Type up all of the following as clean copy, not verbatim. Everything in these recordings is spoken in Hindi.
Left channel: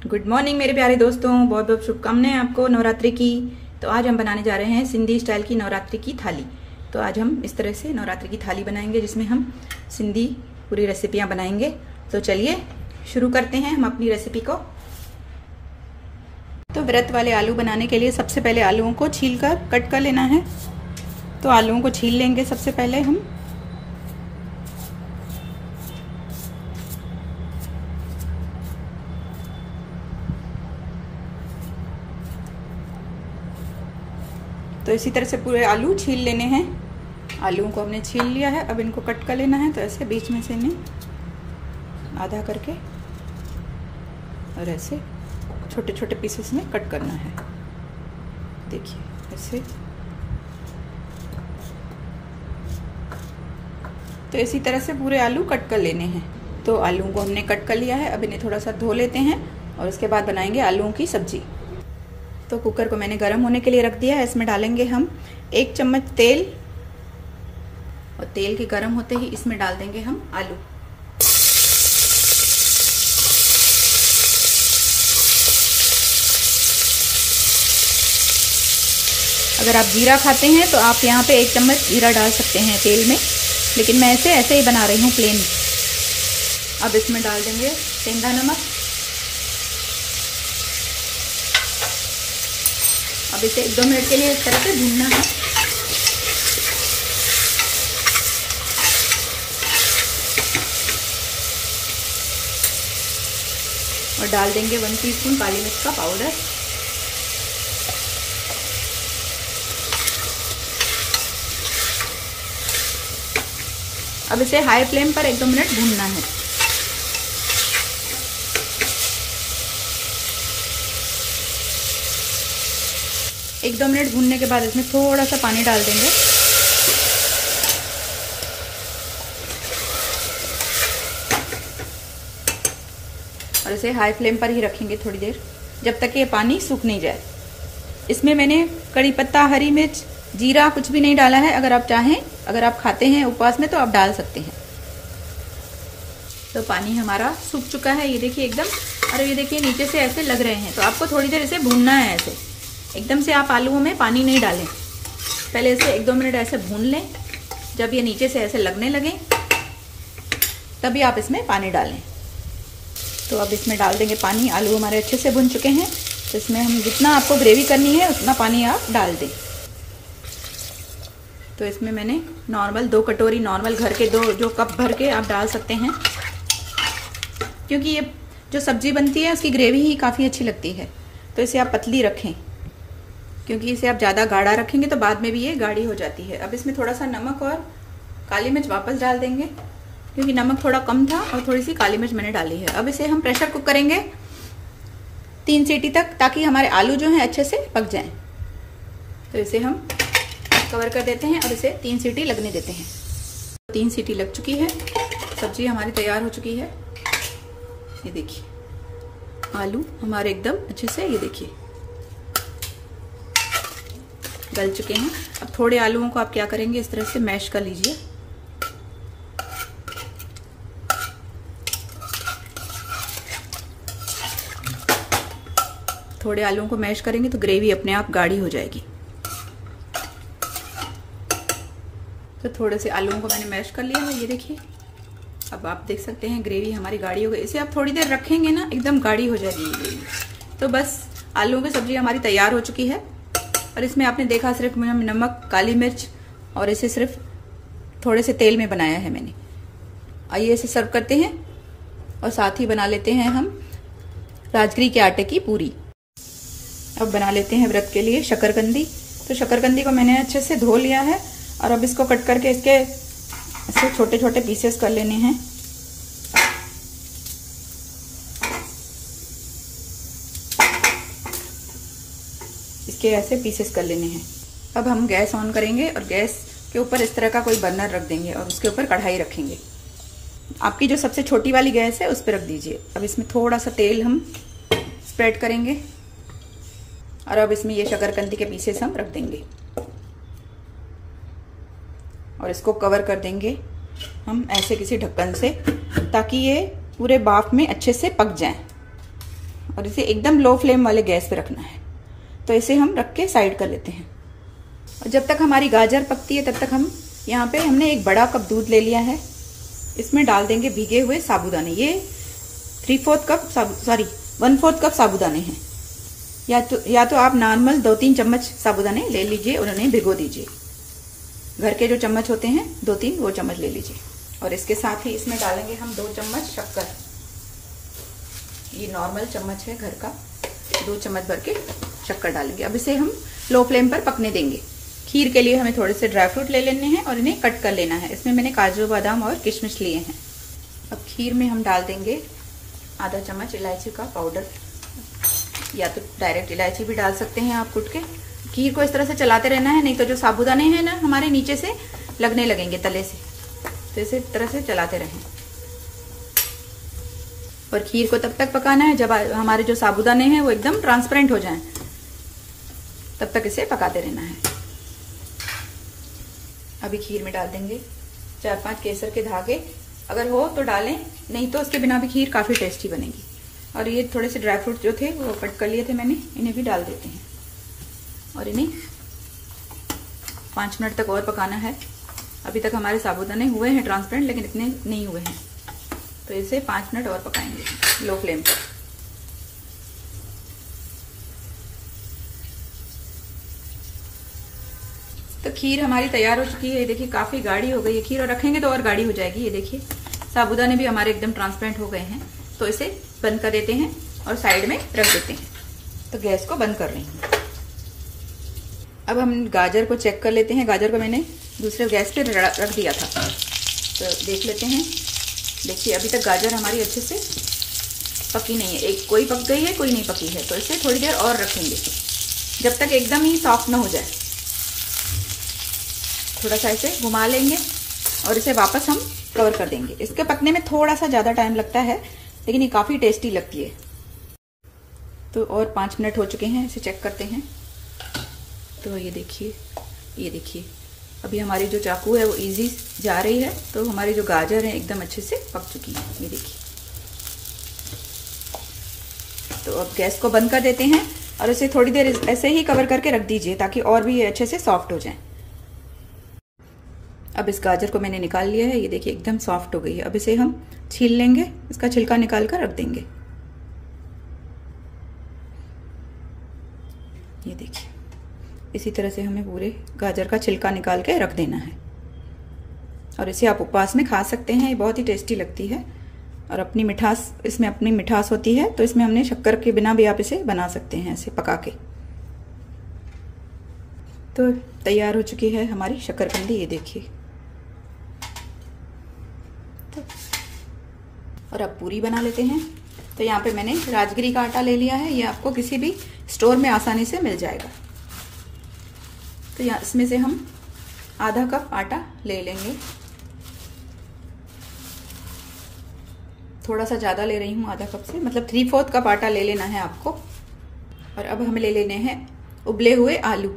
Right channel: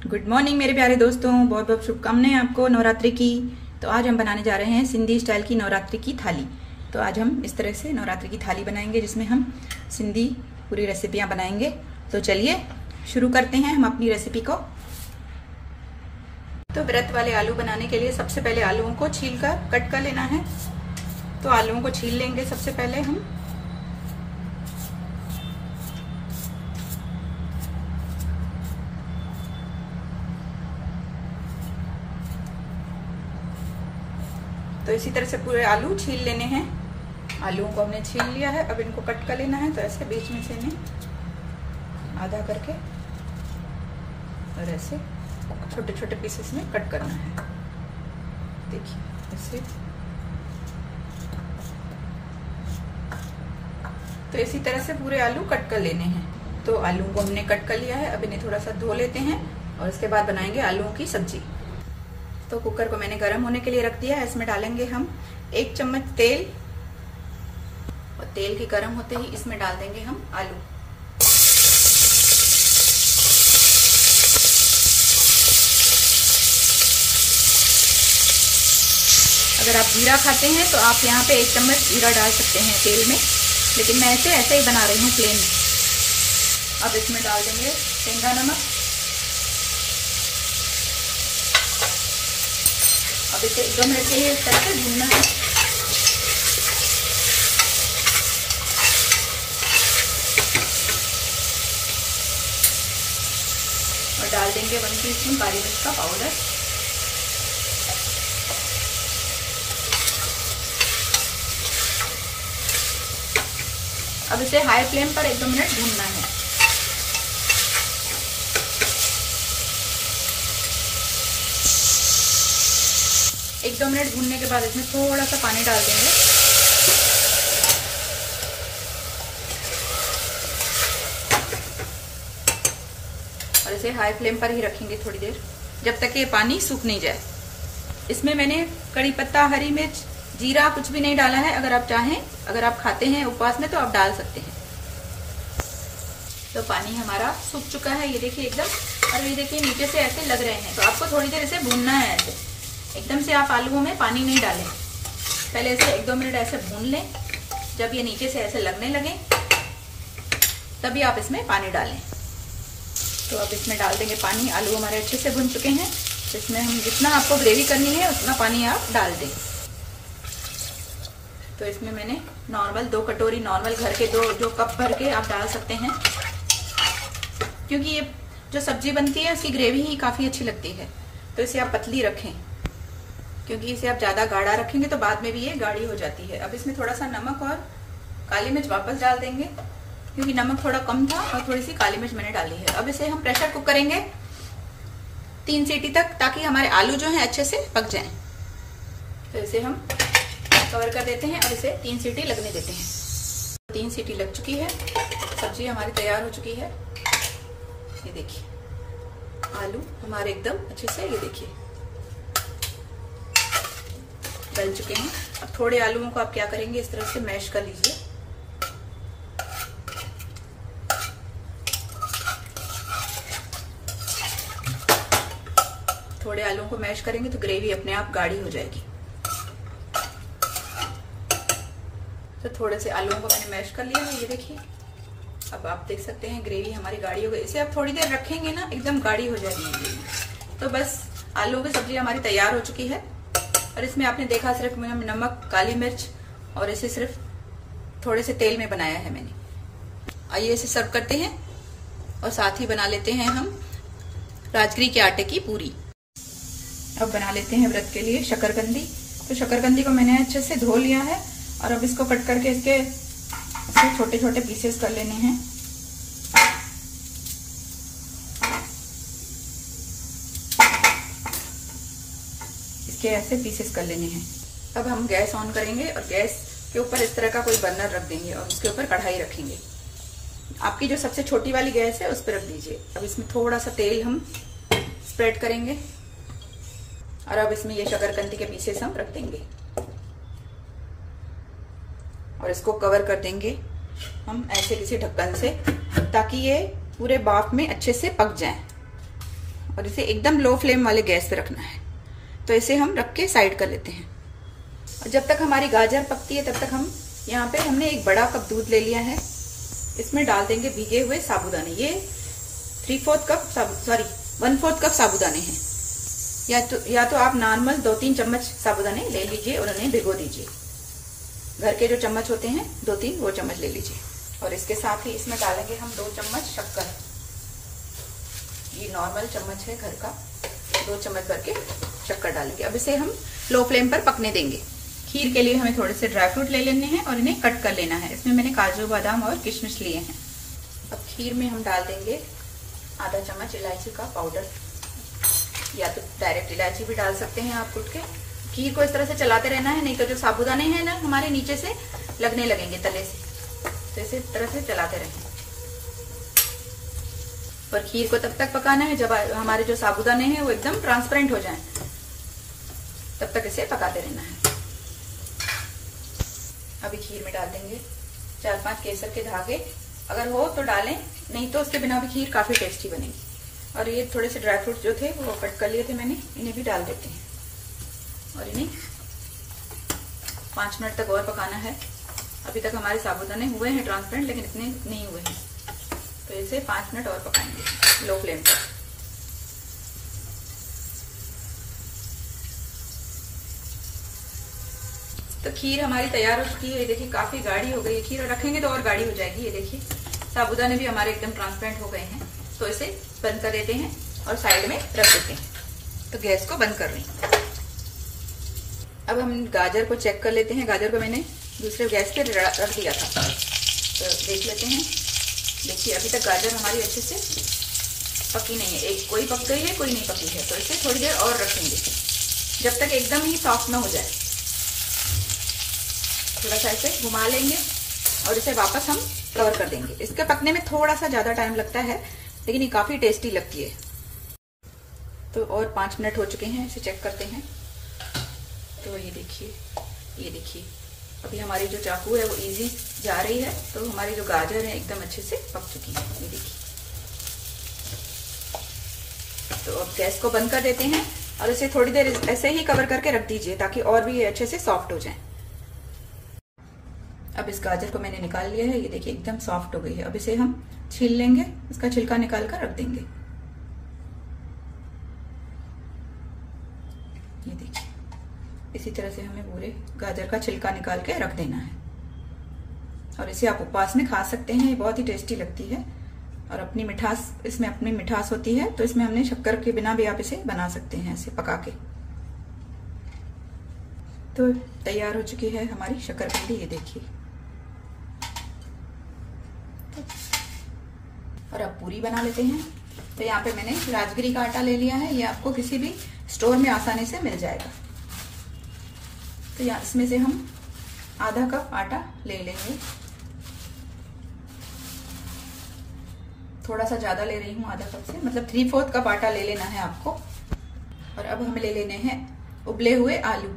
गुड मॉर्निंग मेरे प्यारे दोस्तों, बहुत बहुत शुभकामनाएं आपको नवरात्रि की। तो आज हम बनाने जा रहे हैं सिंधी स्टाइल की नवरात्रि की थाली। तो आज हम इस तरह से नवरात्रि की थाली बनाएंगे जिसमें हम सिंधी पूरी रेसिपियां बनाएंगे। तो चलिए शुरू करते हैं हम अपनी रेसिपी को। तो व्रत वाले आलू बनाने के लिए सबसे पहले आलूओं को छीलकर कट कर लेना है। तो आलूओं को छील लेंगे सबसे पहले हम। तो इसी तरह से पूरे आलू छील लेने हैं। आलूओं को हमने छील लिया है, अब इनको कट कर लेना है। तो ऐसे बीच में से इन्हें आधा करके और ऐसे छोटे छोटे पीसेस में कट करना है। देखिए ऐसे। तो इसी तरह से पूरे आलू कट कर लेने हैं। तो आलूओं को हमने कट कर लिया है, अब इन्हें थोड़ा सा धो लेते हैं और उसके बाद बनाएंगे आलूओं की सब्जी। तो कुकर को मैंने गर्म होने के लिए रख दिया है। इसमें डालेंगे हम 1 चम्मच तेल और तेल के गर्म होते ही इसमें डाल देंगे हम आलू। अगर आप जीरा खाते हैं तो आप यहाँ पे 1 चम्मच जीरा डाल सकते हैं तेल में, लेकिन मैं ऐसे ही बना रही हूँ प्लेन। अब इसमें डाल देंगे सेंधा नमक। अब इसे 1-2 मिनट के लिए इस तरह से भूनना है। और डाल देंगे 1 टीस्पून काली मिर्च का पाउडर। अब इसे हाई फ्लेम पर 1-2 मिनट भूनना है। एक 2 मिनट भूनने के बाद इसमें थोड़ा सा पानी डाल देंगे। और इसे हाई फ्लेम पर ही रखेंगे थोड़ी देर, जब तक ये पानी सूख नहीं जाए। इसमें मैंने कड़ी पत्ता, हरी मिर्च, जीरा कुछ भी नहीं डाला है। अगर आप चाहें, अगर आप खाते हैं उपवास में तो आप डाल सकते हैं। तो पानी हमारा सूख चुका है, ये देखिए एकदम। और ये देखिए नीचे से ऐसे लग रहे हैं। तो आपको थोड़ी देर इसे भूनना है। ऐसे एकदम से आप आलूओं में पानी नहीं डालें, पहले इसे 1-2 मिनट ऐसे भून लें। जब ये नीचे से ऐसे लगने लगे तभी आप इसमें पानी डालें। तो अब इसमें डाल देंगे पानी। आलू हमारे अच्छे से भुन चुके हैं। तो इसमें हम जितना आपको ग्रेवी करनी है उतना पानी आप डाल दें। तो इसमें मैंने नॉर्मल 2 कटोरी, नॉर्मल घर के 2 कप भर के आप डाल सकते हैं, क्योंकि ये जो सब्जी बनती है उसकी ग्रेवी ही काफी अच्छी लगती है। तो इसे आप पतली रखें, क्योंकि इसे आप ज्यादा गाढ़ा रखेंगे तो बाद में भी ये गाढ़ी हो जाती है। अब इसमें थोड़ा सा नमक और काली मिर्च वापस डाल देंगे, क्योंकि नमक थोड़ा कम था और थोड़ी सी काली मिर्च मैंने डाली है। अब इसे हम प्रेशर कुक करेंगे 3 सीटी तक, ताकि हमारे आलू जो हैं अच्छे से पक जाएं। तो इसे हम कवर कर देते हैं और इसे 3 सीटी लगने देते हैं। 3 सीटी लग चुकी है, सब्जी हमारी तैयार हो चुकी है। ये देखिए आलू हमारे एकदम अच्छे से, ये देखिए गल चुके हैं। अब थोड़े आलूओं को आप क्या करेंगे, इस तरह से मैश कर लीजिए। थोड़े आलूओं को मैश करेंगे तो ग्रेवी अपने आप गाढ़ी हो जाएगी। तो थोड़े से आलूओं को मैंने मैश कर लिया है, ये देखिए। अब आप देख सकते हैं ग्रेवी हमारी गाढ़ी हो गई। इसे आप थोड़ी देर रखेंगे ना, एकदम गाढ़ी हो जाएगी। तो बस आलूओं की सब्जी हमारी तैयार हो चुकी है। और इसमें आपने देखा सिर्फ नमक, काली मिर्च और इसे सिर्फ थोड़े से तेल में बनाया है मैंने। आइए इसे सर्व करते हैं और साथ ही बना लेते हैं हम राजगिरी के आटे की पूरी। अब बना लेते हैं व्रत के लिए शकरकंदी। तो शकरकंदी को मैंने अच्छे से धो लिया है और अब इसको कट करके इसके ऐसे छोटे छोटे पीसेस कर लेने हैं। इसके ऐसे पीसेस कर लेने हैं। अब हम गैस ऑन करेंगे और गैस के ऊपर इस तरह का कोई बर्नर रख देंगे और उसके ऊपर कढ़ाई रखेंगे। आपकी जो सबसे छोटी वाली गैस है उस पर रख दीजिए। अब इसमें थोड़ा सा तेल हम स्प्रेड करेंगे और अब इसमें ये शकरकंदी के पीसेस हम रख देंगे और इसको कवर कर देंगे हम ऐसे किसी ढक्कन से, ताकि ये पूरे भाप में अच्छे से पक जाएं। और इसे एकदम लो फ्लेम वाले गैस पे रखना है। तो इसे हम रख के साइड कर लेते हैं। और जब तक हमारी गाजर पकती है तब तक हम यहाँ पे हमने एक बड़ा कप दूध ले लिया है, इसमें डाल देंगे भीगे हुए साबूदाने। ये 1/4 कप साबूदाने हैं। या तो आप नॉर्मल 2-3 चम्मच साबूदाने ले लीजिए और उन्हें भिगो दीजिए। घर के जो चम्मच होते हैं 2-3 वो चम्मच ले लीजिए। और इसके साथ ही इसमें डालेंगे हम 2 चम्मच शक्कर। ये नॉर्मल चम्मच है घर का, 2 चम्मच भर के शक्कर डालेंगे। अब इसे हम लो फ्लेम पर पकने देंगे। खीर के लिए हमें थोड़े से ड्राई फ्रूट ले लेने हैं और इन्हें कट कर लेना है। इसमें मैंने काजू बादाम और किशमिश लिए हैं। अब खीर में हम डाल देंगे आधा चम्मच इलायची का पाउडर, या तो डायरेक्ट इलायची भी डाल सकते हैं आप कूट के। खीर को इस तरह से चलाते रहना है, नहीं तो जो साबूदाने हैं ना हमारे नीचे से लगने लगेंगे तले से, तो इसे तरह से चलाते रहें। और खीर को तब तक पकाना है जब हमारे जो साबूदाने हैं वो एकदम ट्रांसपेरेंट हो जाएं, तब तक इसे पकाते रहना है। अभी खीर में डाल देंगे 4-5 केसर के धागे, अगर हो तो डालें, नहीं तो उसके बिना भी खीर काफी टेस्टी बनेगी। और ये थोड़े से ड्राई फ्रूट जो थे वो कट कर लिए थे मैंने, इन्हें भी डाल देते हैं और इन्हें 5 मिनट तक और पकाना है। अभी तक हमारे साबूदाने हुए हैं ट्रांसपेरेंट, लेकिन इतने नहीं हुए हैं, तो इसे 5 मिनट और पकाएंगे लो फ्लेम पर। तो खीर हमारी तैयार हो चुकी है। ये देखिए काफी गाढ़ी हो गई है खीर, और रखेंगे तो और गाढ़ी हो जाएगी। ये देखिए साबूदाने भी हमारे एकदम ट्रांसपेरेंट हो गए हैं। तो इसे बंद कर देते हैं और साइड में रख देते हैं। तो गैस को बंद कर रही हूं। अब हम गाजर को चेक कर लेते हैं। गाजर को मैंने दूसरे गैस पे रख दिया था, तो देख लेते हैं। देखिए अभी तक गाजर हमारी अच्छे से पकी नहीं है, एक कोई पक गई है कोई नहीं पकी है। तो इसे थोड़ी देर और रखेंगे जब तक एकदम ही सॉफ्ट ना हो जाए। थोड़ा सा इसे घुमा लेंगे और इसे वापस हम कवर कर देंगे। इसके पकने में थोड़ा सा ज्यादा टाइम लगता है, लेकिन ये काफी टेस्टी लगती है। तो और 5 मिनट हो चुके हैं, इसे चेक करते हैं। तो ये देखिए अभी हमारी जो चाकू है वो इजी जा रही है, तो हमारी जो गाजर है एकदम अच्छे से पक चुकी है। ये देखिए। तो अब गैस को बंद कर देते हैं और इसे थोड़ी देर ऐसे ही कवर करके रख दीजिए ताकि और भी ये अच्छे से सॉफ्ट हो जाए। अब इस गाजर को मैंने निकाल लिया है, ये देखिए एकदम सॉफ्ट हो गई है। अब इसे हम छील लेंगे, इसका छिलका निकाल कर रख देंगे। ये देखिए इसी तरह से हमें पूरे गाजर का छिलका निकाल के रख देना है। और इसे आप उपवास में खा सकते हैं, ये बहुत ही टेस्टी लगती है। और अपनी मिठास, इसमें अपनी मिठास होती है, तो इसमें हमने शक्कर के बिना भी आप इसे बना सकते हैं ऐसे पका के। तो तैयार हो चुकी है हमारी शक्करकंदी। ये देखिए। और अब पूरी बना लेते हैं। तो यहाँ पे मैंने राजगिरी का आटा ले लिया है, ये आपको किसी भी स्टोर में आसानी से मिल जाएगा। तो यहाँ इसमें से हम आधा कप आटा ले लेंगे, थोड़ा सा ज्यादा ले रही हूँ आधा कप से, मतलब 3/4 कप आटा ले लेना है आपको। और अब हमें ले लेने हैं उबले हुए आलू।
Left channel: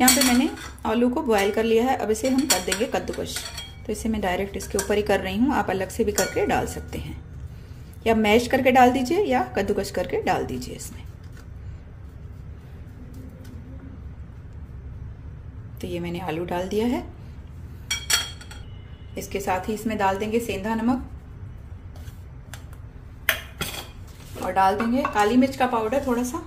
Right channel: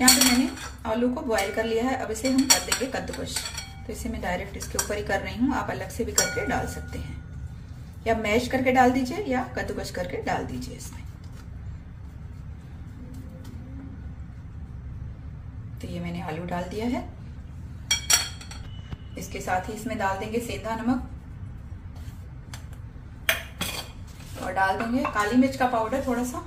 यहाँ पे मैंने आलू को बॉयल कर लिया है। अब इसे हम कर देंगे कद्दूकश। तो इसे मैं डायरेक्ट इसके ऊपर ही कर रही हूँ, आप अलग से भी करके डाल सकते हैं, या मैश करके डाल दीजिए या कद्दूकश करके डाल दीजिए इसमें। तो ये मैंने आलू डाल दिया है। इसके साथ ही इसमें डाल देंगे सेंधा नमक और डाल देंगे काली मिर्च का पाउडर थोड़ा सा।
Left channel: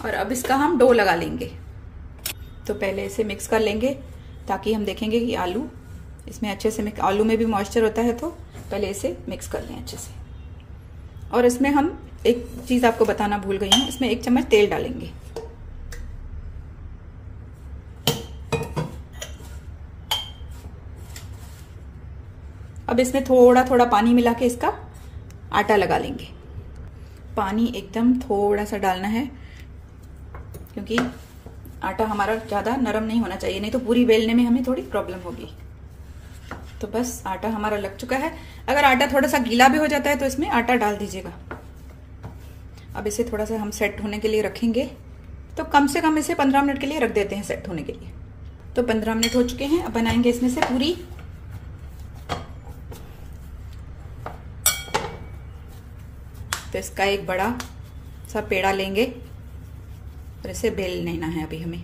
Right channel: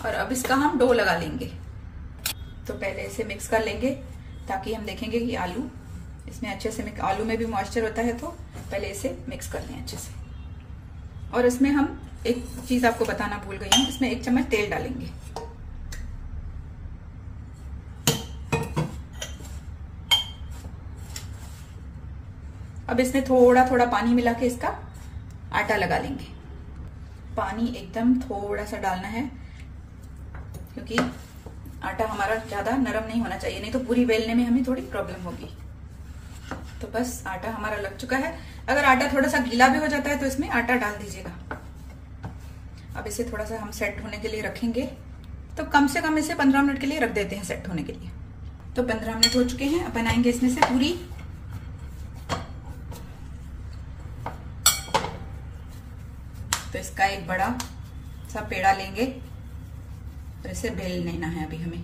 और अब इसका हम डो लगा लेंगे। तो पहले इसे मिक्स कर लेंगे ताकि हम देखेंगे कि आलू इसमें अच्छे से आलू में भी मॉइस्चर होता है, तो पहले इसे मिक्स कर लें अच्छे से। और इसमें हम एक चीज आपको बताना भूल गई हूँ, इसमें 1 चम्मच तेल डालेंगे। अब इसमें थोड़ा थोड़ा पानी मिला के इसका आटा लगा लेंगे। पानी एकदम थोड़ा सा डालना है, क्योंकि आटा हमारा ज्यादा नरम नहीं होना चाहिए, नहीं तो पूरी बेलने में हमें थोड़ी प्रॉब्लम होगी। तो बस आटा हमारा लग चुका है। अगर आटा थोड़ा सा गीला भी हो जाता है तो इसमें आटा डाल दीजिएगा। अब इसे थोड़ा सा हम सेट होने के लिए रखेंगे। तो कम से कम इसे 15 मिनट के लिए रख देते हैं सेट होने के लिए। तो 15 मिनट हो चुके हैं। अब बनाएंगे इसमें से पूरी। तो इसका एक बड़ा सा पेड़ा लेंगे और इसे बेल लेना है अभी हमें।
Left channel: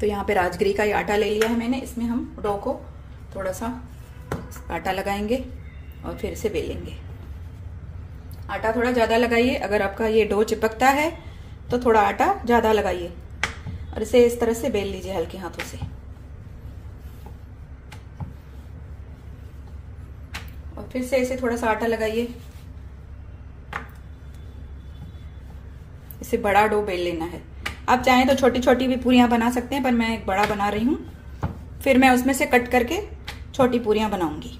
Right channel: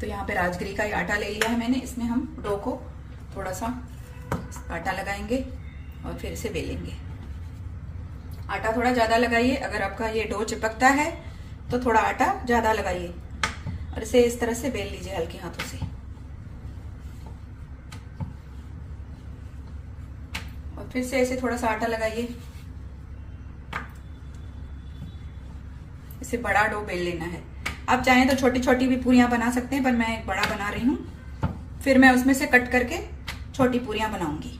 तो यहाँ पे राजगिरी का ही आटा ले लिया है मैंने। इसमें हम डो को थोड़ा सा आटा लगाएंगे और फिर इसे बेलेंगे। आटा थोड़ा ज्यादा लगाइए, अगर आपका ये डो चिपकता है तो थोड़ा आटा ज्यादा लगाइए और इसे इस तरह से बेल लीजिए हल्के हाथों से। और फिर से इसे थोड़ा सा आटा लगाइए। इसे बड़ा डो बेल लेना है। आप चाहें तो छोटी छोटी भी पूरियां बना सकते हैं, पर मैं एक बड़ा बना रही हूं। फिर मैं उसमें से कट करके छोटी पूरियां बनाऊंगी।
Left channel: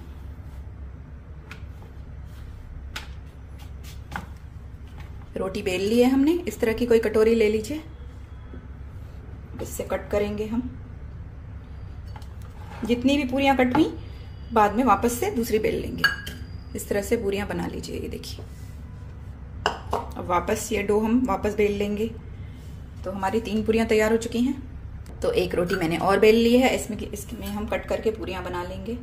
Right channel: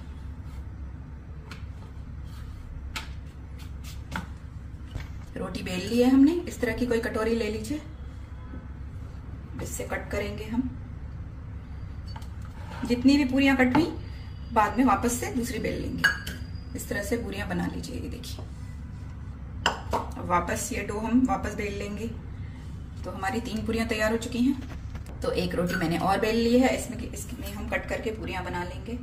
रोटी बेल ली है हमने। इस तरह की कोई कटोरी ले लीजिए, इससे कट करेंगे हम। जितनी भी पूरियां कट हुई बाद में वापस से दूसरी बेल लेंगे। इस तरह से पूरियां बना लीजिए। ये देखिए, अब वापस ये डो हम वापस बेल लेंगे। तो हमारी 3 पूरियां तैयार हो चुकी हैं। तो एक रोटी मैंने और बेल ली है। इसमें हम कट करके पूरियां बना लेंगे।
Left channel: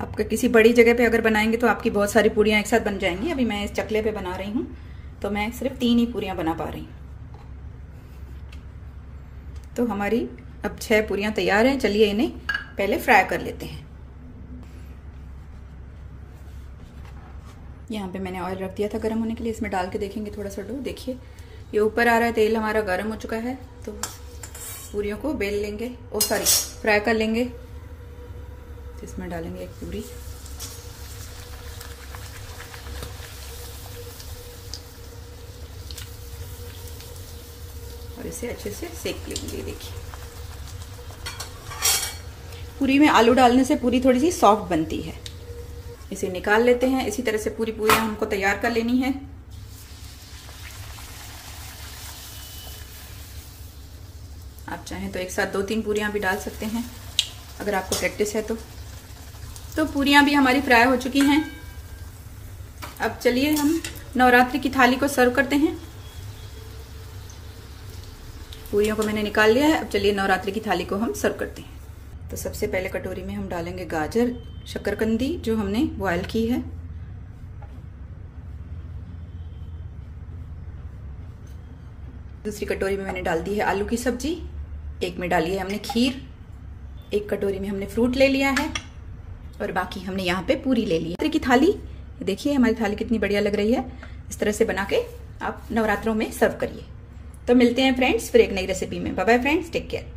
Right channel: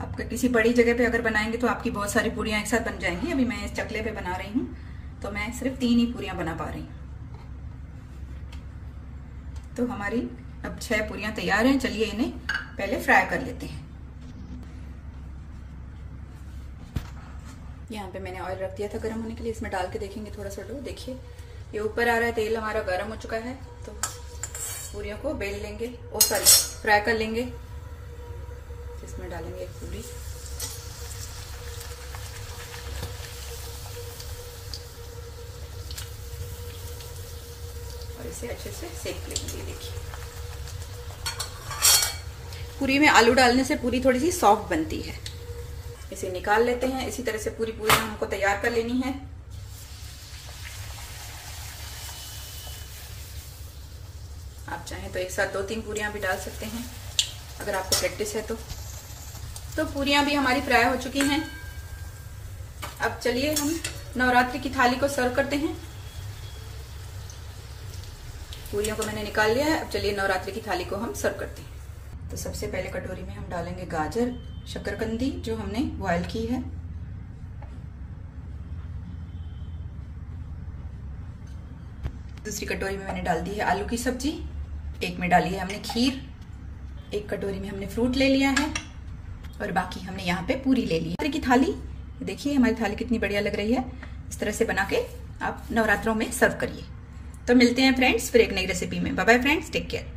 आपके किसी बड़ी जगह पे अगर बनाएंगे तो आपकी बहुत सारी पूरियां एक साथ बन जाएंगी। अभी मैं इस चकले पे बना रही हूं तो मैं सिर्फ 3 ही पूरियां बना पा रही हूं। तो हमारी अब 6 पूरियां तैयार हैं। चलिए इन्हें पहले फ्राई कर लेते हैं। यहाँ पे मैंने ऑयल रख दिया था गर्म होने के लिए। इसमें डाल के देखेंगे थोड़ा सा डो। देखिए ये ऊपर आ रहा है, तेल हमारा गर्म हो चुका है। तो पूरियों को बेल लेंगे, फ्राई कर लेंगे। तो इसमें डालेंगे एक पूरी। और इसे अच्छे से सेक लेंगे। देखिए पूरी में आलू डालने से पूरी थोड़ी सी सॉफ्ट बनती है। इसे निकाल लेते हैं। इसी तरह से पूरी पूरियां हमको तैयार कर लेनी है। आप चाहें तो एक साथ 2-3 पूरियां भी डाल सकते हैं अगर आपको प्रैक्टिस है तो पूरियां भी हमारी फ्राई हो चुकी हैं। अब चलिए हम नवरात्रि की थाली को सर्व करते हैं। पूरियों को मैंने निकाल लिया है। अब चलिए नवरात्रि की थाली को हम सर्व करते हैं। तो सबसे पहले कटोरी में हम डालेंगे गाजर, शकरकंदी जो हमने बॉयल की है। दूसरी कटोरी में मैंने डाल दी है आलू की सब्जी। एक में डाली है हमने खीर। एक कटोरी में हमने फ्रूट ले लिया है और बाकी हमने यहाँ पे पूरी ले ली है। की थाली देखिए, हमारी थाली कितनी बढ़िया लग रही है। इस तरह से बना के आप नवरात्रों में सर्व करिए। तो मिलते हैं फ्रेंड्स फिर एक नई रेसिपी में। Bye bye friends, take care.